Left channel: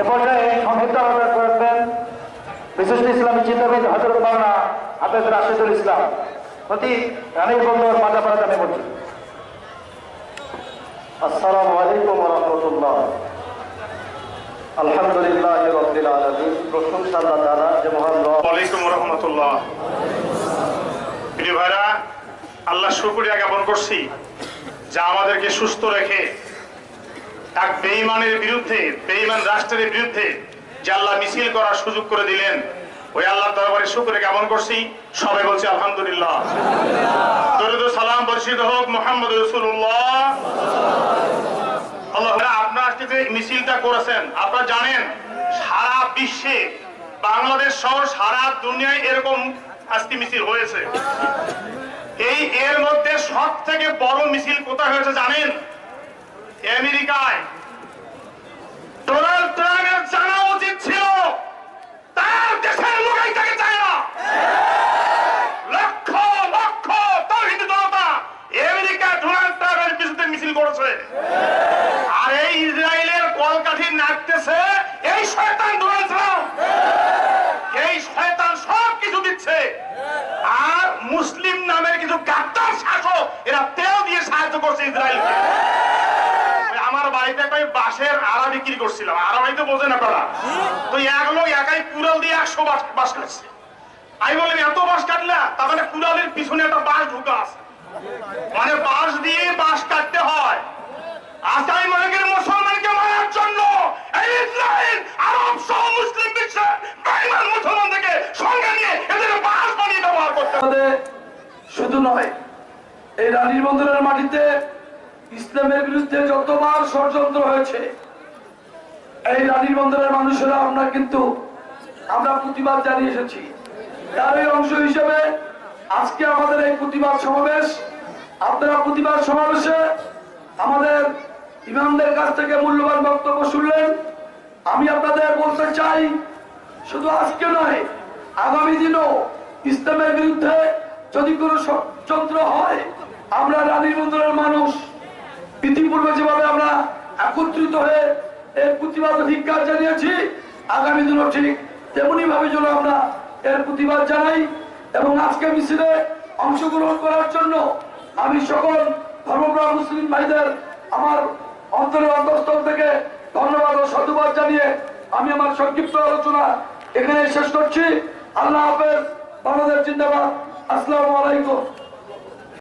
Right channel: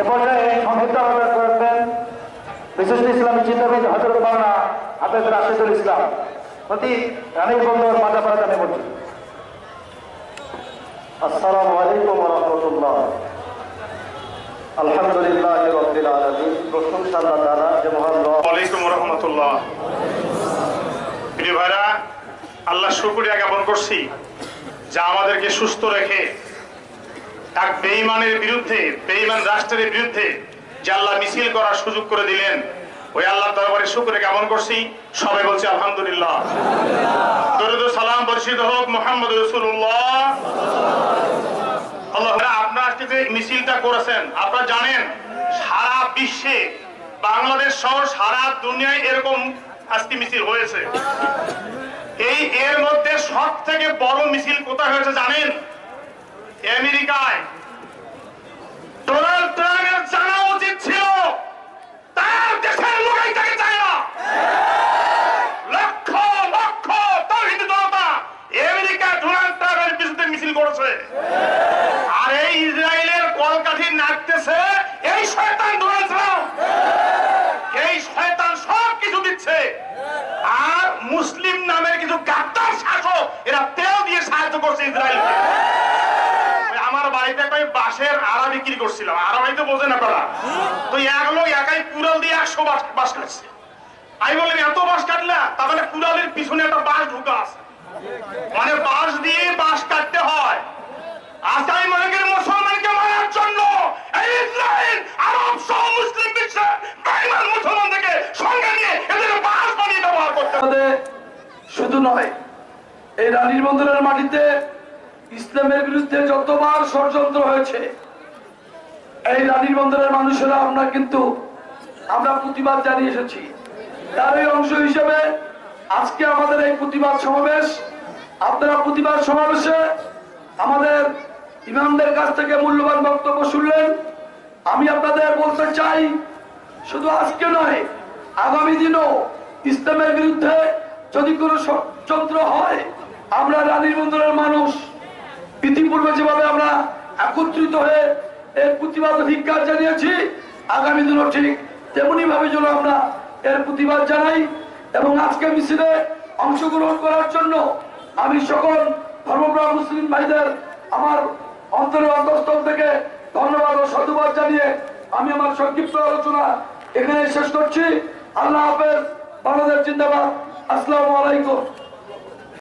এ পর্যায়ে সংক্ষিপ্ত আলোচনা করবেন বিশিষ্ট ইসলামী চিন্তাবিদ হজরত মাওলানা হাফেজ রাশিদুল ইসলাম। প্রতি রানীর বন্দর মাদাপাড়া জামে মসজিদ আসসালামু আলাইকুম আলহামদুলিল্লাহ রাব্বিল আলামিন। প্রশংসা আল্লাহ তাআলা যে মহান রব। রহমতুল্লাহ। প্রিয় ভাইরা, আল্লাহ শুক্রিয়া জ্ঞাপন করছি যা আমাদেরকে সুস্থ রেখে এক বেঈমানের বিরুদ্ধে বেঈমান রাষ্ট্রের বিরুদ্ধে যে আল্লাহ মিছিল করার সুযোগ করে দিলেন, ওই আল্লাহ দরবারে শুক্রিয়া জ্ঞাপন করছি, সবাই বলছি, আলহামদুলিল্লাহ। দরুদ সালাম বর্ষিত হোক মোহাম্মদ রসুল্লাহ আল্লাহ আপনারা আজকে যে মিছিলটা করেছেন, আপনারা জানেন, সারা বিশ্বে, বাংলাদেশ সহ সারা দুনিয়ায় এরকম আজকে মিছিল হয়েছে। এই এর মধ্যে সব থেকে বড় মিছিল কোথায় হয়েছে জানেন? আমেরিকায়। ডোনাল্ড ট্রাম্পের জানা উচিত ছিল, তার দেশের লোক এইটাকে চায় না। লক্ষ লক্ষ জনতা আমেরিকা ডোনাল্ড ট্রাম্পের বিরুদ্ধে মিছিল করেছে। আর এই ইসরায়েলের কলকাঠি নাচতেছে এই শয়তান ডোনাল্ড ট্রাম্প। এই শয়তান সব কিছু দিচ্ছে। আর মুসলিম নামের কিছু গাদ্দার শাসক এরা তেল দিয়ে সাহায্য করছে ইসরায়েলকে ওই আমার বাড়িতে একটা ওই বাঁশের আড়া বিক্রি করছিলাম। আড়া বাড়িতে বোঝে না তারা তো এক লোক একাই কুড়াল দিয়ে একশো বাঁশ কাটছে। আমি বললাম, এত বাঁশ কাটলা মানে কুড়ালের পিছনে একটা বাঁশ ঢুকা আছে। মানে বাঁশ দিয়ে বাঁশ কাটতে হয়। আজ আমি মনে করি মুসলমানকে মারার জন্য ইসরায়েল আরব, সহ মুসলিম বিশ্বে সঙ্গে নিয়ে এদের বাঁশ বানিয়ে ব্যবহার করতে শুধু নয়, এই রানীর বন্দরের মাটিতে ইসলামের বিরুদ্ধে যতবার ষড়যন্ত্র হয়েছে, এই রানীর বন্দরের মানুষেরা আমরা কিন্তু, আমরা প্রতিবাদ জানিয়ে এসেছি। তারই অংশ হিসেবে আজকে আমাদের এই প্রতিবাদ সমাবেশ, আপনারা প্রতিবাদ সমাবেশে আমাদের ইমামদের কাছ থেকে মূল্যবান বক্তব্য শুনলেন। আমি আপনাদের বলতে চাই, শুধু আজকে নয়, আগামী দিনও ইসলামের বিরুদ্ধে যদি কোনো ষড়যন্ত্র হয়, আমরা রানীর বন্দরের মানুষ ইতিপূর্বে যেভাবে আমরা একত্রিত হয়ে এর প্রতিবাদ ধিক্কার জানিয়েছি, আগামী দিনও ঠিক তেমনি ভাবে যেন আমরা এর প্রতিবাদ জানাই এবং আজকে মিছিলে অংশগ্রহণ করার জন্য আমি সকল ধর্মপ্রাণ মুসলিম ভাইদের আমার অন্তরের অন্তঃস্থল থেকে ধন্যবাদ ও সাধুবাদ জানিয়ে আমি আমার সংক্ষিপ্ত আলোচনা এখানে শেষ করছি। আল্লাহ হাফেজ, বাংলাদেশ জিন্দাবাদ। আসসালামু আলাইকুম।